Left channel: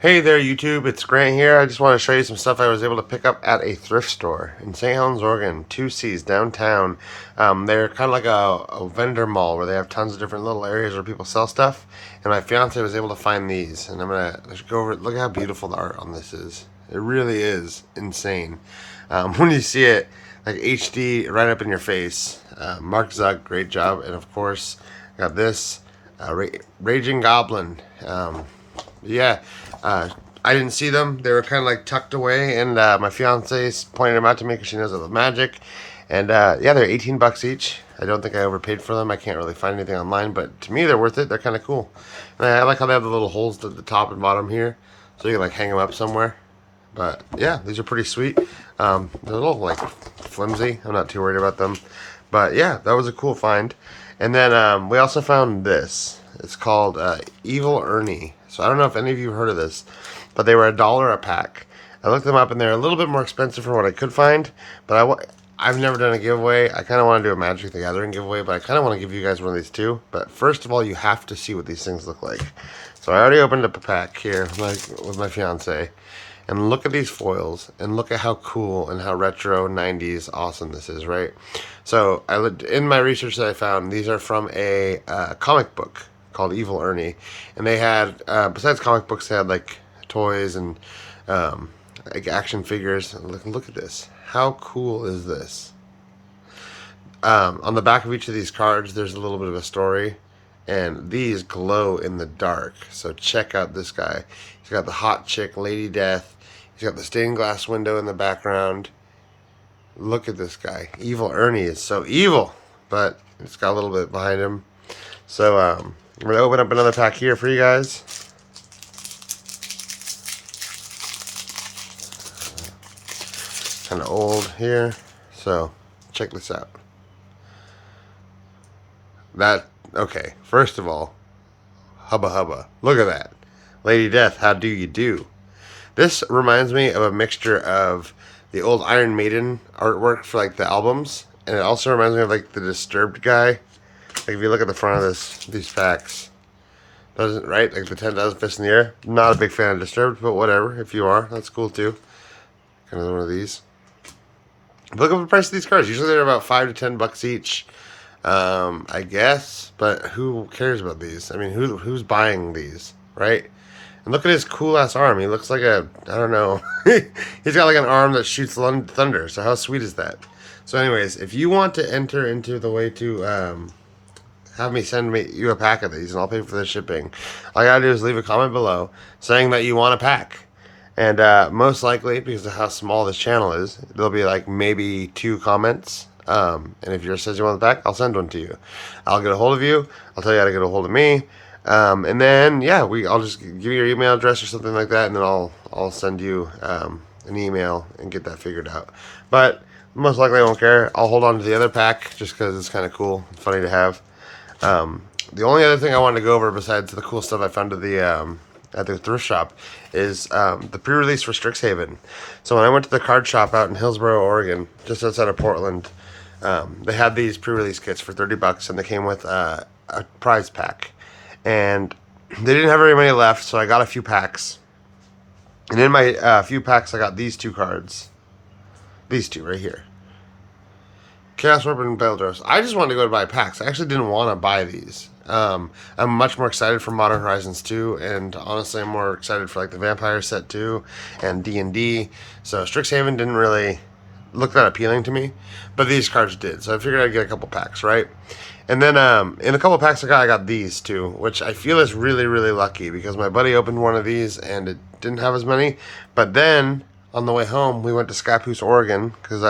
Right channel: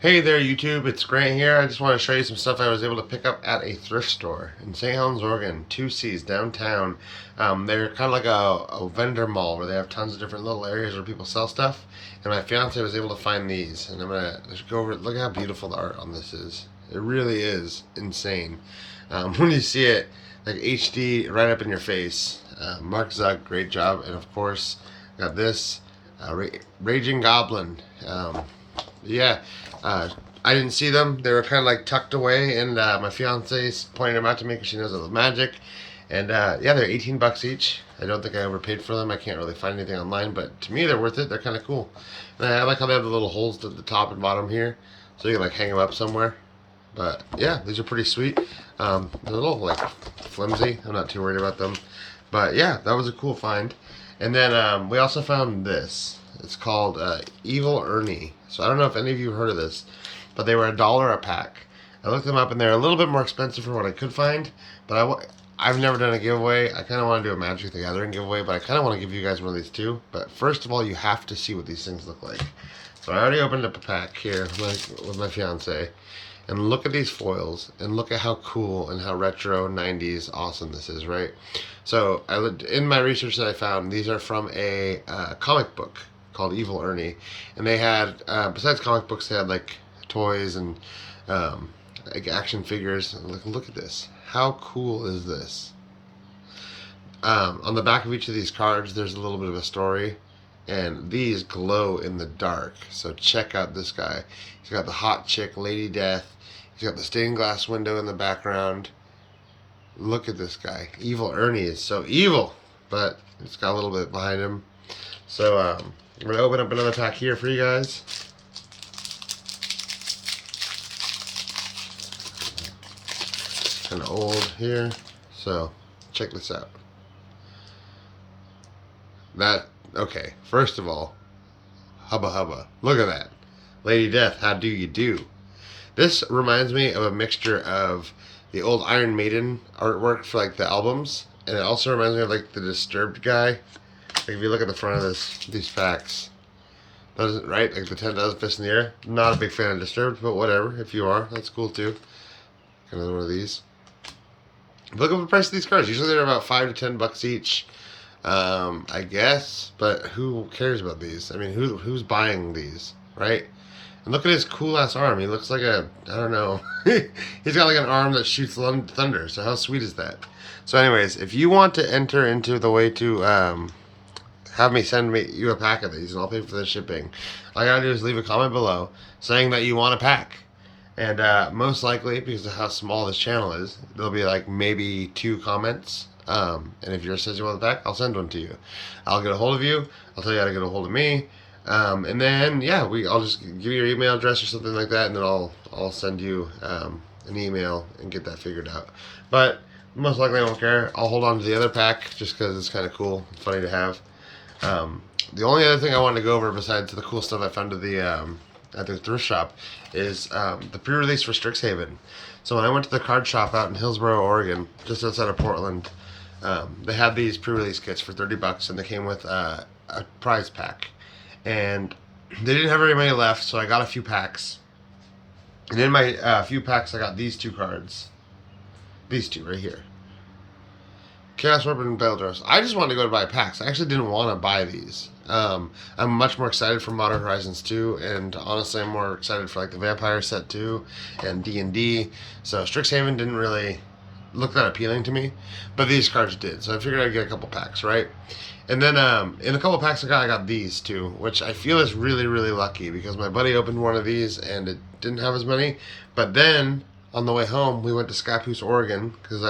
Hey there, YouTube. It's Grant here. I just want to show you some stuff I was able to pick up at a thrift store in St. Helens, Oregon, 2C's downtown. They're kind of like a vendor mall where they have tons of different little areas where people sell stuff. And my fiance was able to find these, and I'm gonna go over. Look how beautiful the art on this is. It really is insane. When you see it, like HD right up in your face. Mark Zuck, great job, and of course, got this Raging Goblin. Yeah, I didn't see them. They were kind of like tucked away, and my fiance pointed them out to me because she knows I love magic. And yeah, they're 18 bucks each. I don't think I overpaid for them. I can't really find anything online, but to me, they're worth it. They're kind of cool. And I like how they have the little holes at the top and bottom here, so you can like hang them up somewhere. But yeah, these are pretty sweet. They're a little like flimsy. I'm not too worried about them. But yeah, that was a cool find. And then we also found this. It's called Evil Ernie. So I don't know if any of you heard of this, but they were $1 a pack. I looked them up and they're a little bit more expensive for what I could find. But I've never done a giveaway. I kind of want to do a Magic the Gathering giveaway, but I kind of want to give you guys one of these too. But first of all, you have to see what these things look like. So I already opened up a pack here with my fiance. And look at these foils, and look at how cool and how retro 90s awesome this is, right? So in my research that I found, these are from a comic book called Evil Ernie. And they had, besides comic books, they had like toys and like action figures. Look at this. How cool is this? On the back of each of these cards, there's a little bit of a story. And these glow in the dark. So check out this guy. He's got the hot chick, Lady Death. He's got the stained glass window in the background. Look at this guy. Evil Ernie is so evil, but it's got a little bit behind him. So I'm going to open up another pack here for you guys. Kind of old here. So check this out. Okay, first of all, hubba hubba. Look at that. Lady Death, how do you do? This reminds me of a mixture of the old Iron Maiden artwork for like the albums, and it also reminds me of like the Disturbed guy. Like if you look at the front of these packs, doesn't right? Like the 10,000 Fists in the Air. Not a big fan of Disturbed, but whatever. If you are, that's cool too. Kind of one of these. Look at the price of these cards. Usually they're about $5 to $10 each. I guess, but who cares about these? I mean, who's buying these, right? And look at his cool ass arm. He looks like I don't know. He's got like an arm that shoots thunder. So how sweet is that? So anyways, if you want to enter into the way to have me send you a pack of these, and I'll pay for the shipping, all you gotta do is leave a comment below saying that you want a pack. And most likely, because of how small this channel is, there'll be like maybe 2 comments. And if yours says you want the pack, I'll send one to you. I'll get a hold of you. I'll tell you how to get a hold of me. And then yeah, I'll just give you your email address or something like that, and then I'll send you an email and get that figured out. But most likely I won't care. I'll hold on to the other pack just because it's kind of cool, funny to have. The only other thing I wanted to go over besides the cool stuff I found at the thrift shop is the pre-release for Strixhaven. So when I went to the card shop out in Hillsboro, Oregon, just outside of Portland, they had these pre-release kits for $30, and they came with a prize pack. And they didn't have very many left, so I got a few packs. And in my few packs, I got these 2 cards. These 2 right here. Chaos Warp and Beldros. I just wanted to go to buy packs. I actually didn't want to buy these. I'm much more excited for Modern Horizons 2, and honestly, I'm more excited for like the Vampire set 2 and D&D. So Strixhaven didn't really look that appealing to me, but these cards did. So I figured I'd get a couple packs, right? And then in a couple packs I got these too, which I feel is really, really lucky because my buddy opened one of these and it didn't have as many. But then on the way home, we went to Scappoose, Oregon, because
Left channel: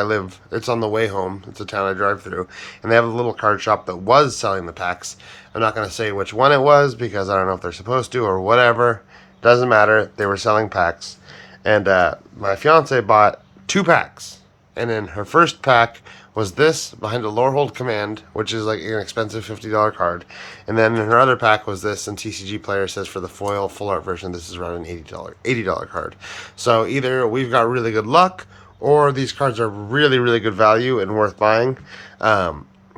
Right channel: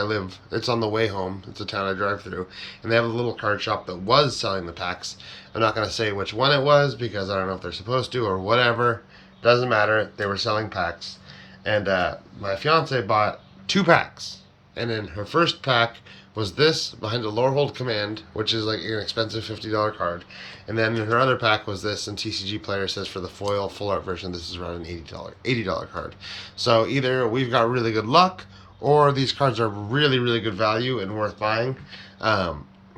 it's on the way home. It's a town I drive through. And they have a little card shop that was selling the packs. I'm not going to say which one it was because I don't know if they're supposed to or whatever. Doesn't matter. They were selling packs. And my fiance bought 2 packs. And in her first pack was this Behind the Lorehold Command, which is like an expensive $50 card. And then in her other pack was this, and TCG Player says for the foil full art version, this is around an $80 card. So either we've got really good luck, or these cards are really, really good value and worth buying.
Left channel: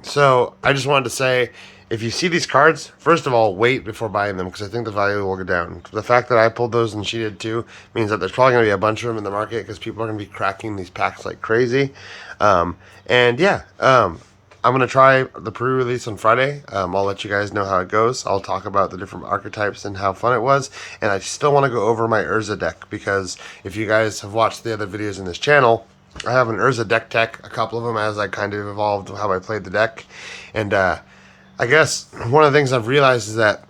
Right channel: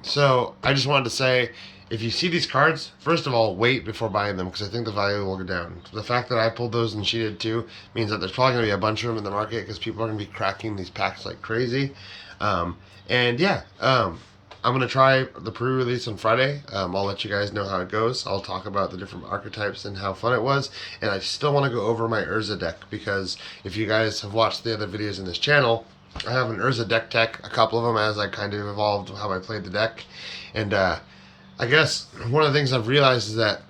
So I just wanted to say, if you see these cards, first of all, wait before buying them because I think the value will go down. The fact that I pulled those and she did too means that there's probably going to be a bunch of them in the market because people are going to be cracking these packs like crazy. And yeah, I'm going to try the pre-release on Friday. I'll let you guys know how it goes. I'll talk about the different archetypes and how fun it was. And I still want to go over my Urza deck because if you guys have watched the other videos in this channel, I have an Urza deck tech, a couple of them as I kind of evolved how I played the deck. And I guess one of the things I've realized is that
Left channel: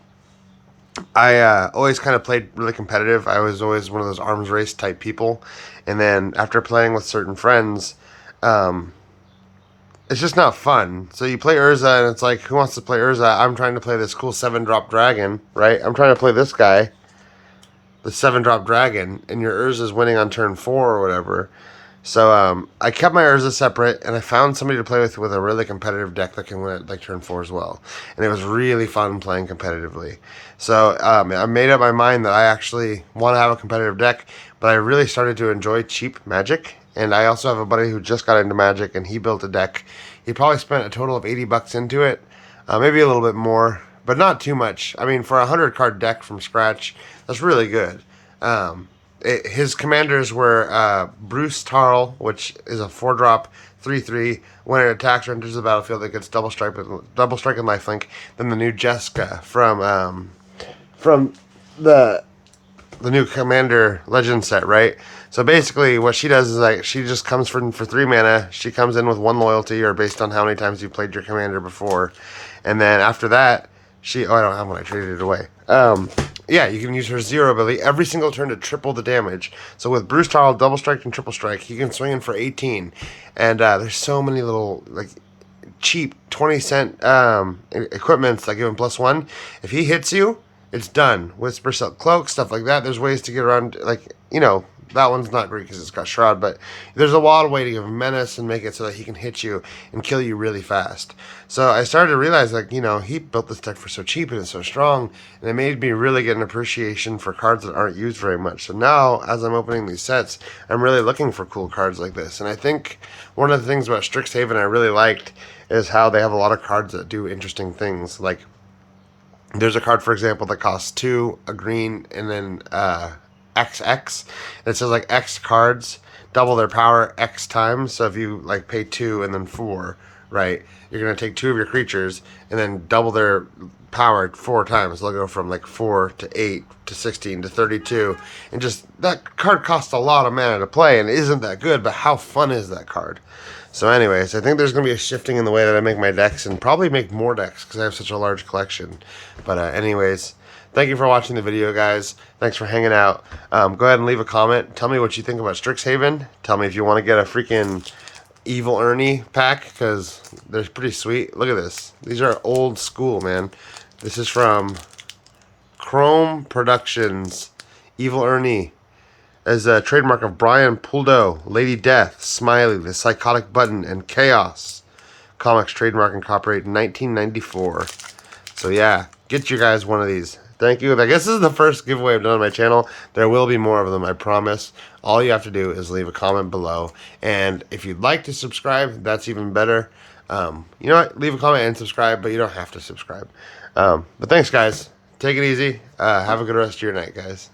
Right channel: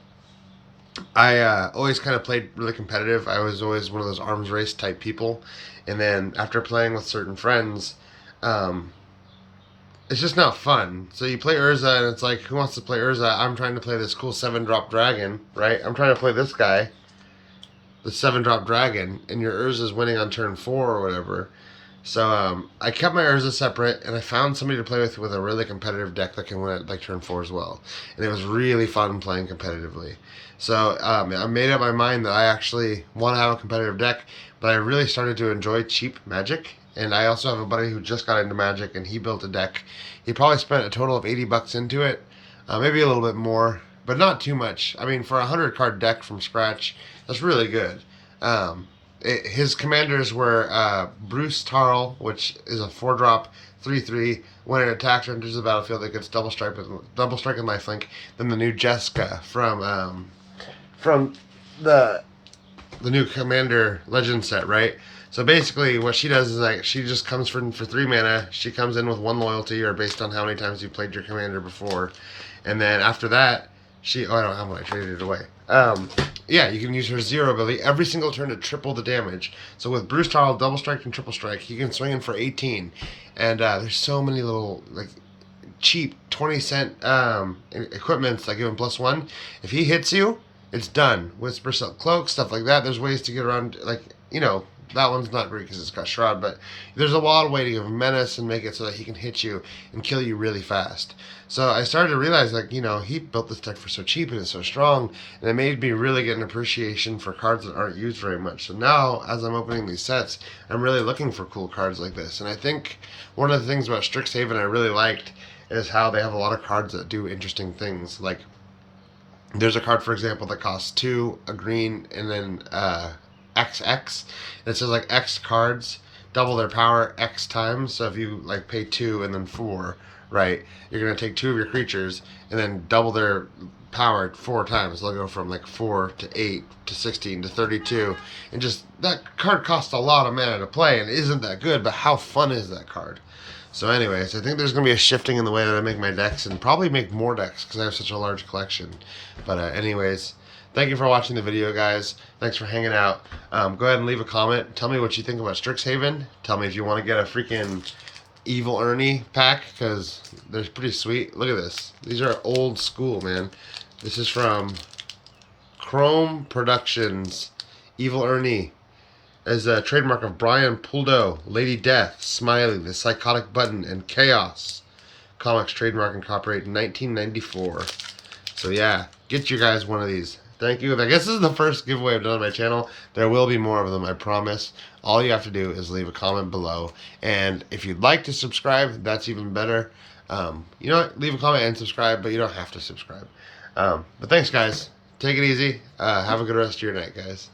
I always kind of played really competitive. I was always one of those arms race type people. And then after playing with certain friends, um, it's just not fun. So you play Urza, and it's like, who wants to play Urza? I'm trying to play this cool 7-drop dragon, right? I'm trying to play this guy, the 7-drop dragon, and your Urza's winning on turn 4 or whatever. So I kept my Urza separate, and I found somebody to play with a really competitive deck that can win at like turn 4 as well. And it was really fun playing competitively. So I made up my mind that I actually want to have a competitive deck, but I really started to enjoy cheap Magic. And I also have a buddy who just got into Magic, and he built a deck. He probably spent a total of $80 into it, maybe a little bit more, but not too much. I mean, for a 100-card deck from scratch, that's really good. His commanders were Bruce Tarl, which is a 4-drop 3/3. When it attacks or enters the battlefield, it gets double strike and lifelink. Then the new Jessica from the new Commander Legend set, right? So basically, what she does is like she just comes for 3 mana. She comes in with 1 loyalty, or based on how many times you played your commander before, and then after that, I don't have one. I traded it away. Yeah, you can use her 0 ability every single turn to triple the damage. So with Bruce Tarl, double strike and triple strike, he can swing in for 18. And there's so many little like cheap 20-cent equipments that give him +1. If he hits you, it's done. Whisper Silk Cloak, stuff like that. There's ways to get around, like, that one's not great because it's got Shroud, but there's a lot of way to give him Menace and make it so that he can hit you and kill you really fast. So I started to realize, like, he built this deck for so cheap and it's so strong, and it made me really get an appreciation for cards that aren't used very much. So now, as I'm opening these sets, I'm really looking for cool cards like this. And I think one of the things about Strixhaven I really liked is how they have a lot of cards that do interesting things. Like, there's a card, for example, that costs 2, a green, and then XX. And it says like X cards double their power X times. So if you like pay 2 and then 4, right, you're gonna take 2 of your creatures and then double their power 4 times. They'll go from like 4 to 8 to 16 to 32, and just that card costs a lot of mana to play and isn't that good. But how fun is that card? So anyways, I think there's going to be a shifting in the way that I make my decks, and probably make more decks because I have such a large collection. But anyways, thank you for watching the video, guys. Thanks for hanging out. Go ahead and leave a comment. Tell me what you think about Strixhaven. Tell me if you want to get a freaking Evil Ernie pack, because they're pretty sweet. Look at this. These are old school, man. This is from Chrome Productions. Evil Ernie. As a trademark of Brian Puldo, Lady Death, Smiley, The Psychotic Button, and Chaos. Comics trademark and copyright 1994. So yeah, get you guys one of these. Thank you. I guess this is the first giveaway I've done on my channel. There will be more of them, I promise. All you have to do is leave a comment below. And if you'd like to subscribe, that's even better. You know what? Leave a comment and subscribe, but you don't have to subscribe. But thanks, guys. Take it easy. Have a good rest of your night, guys.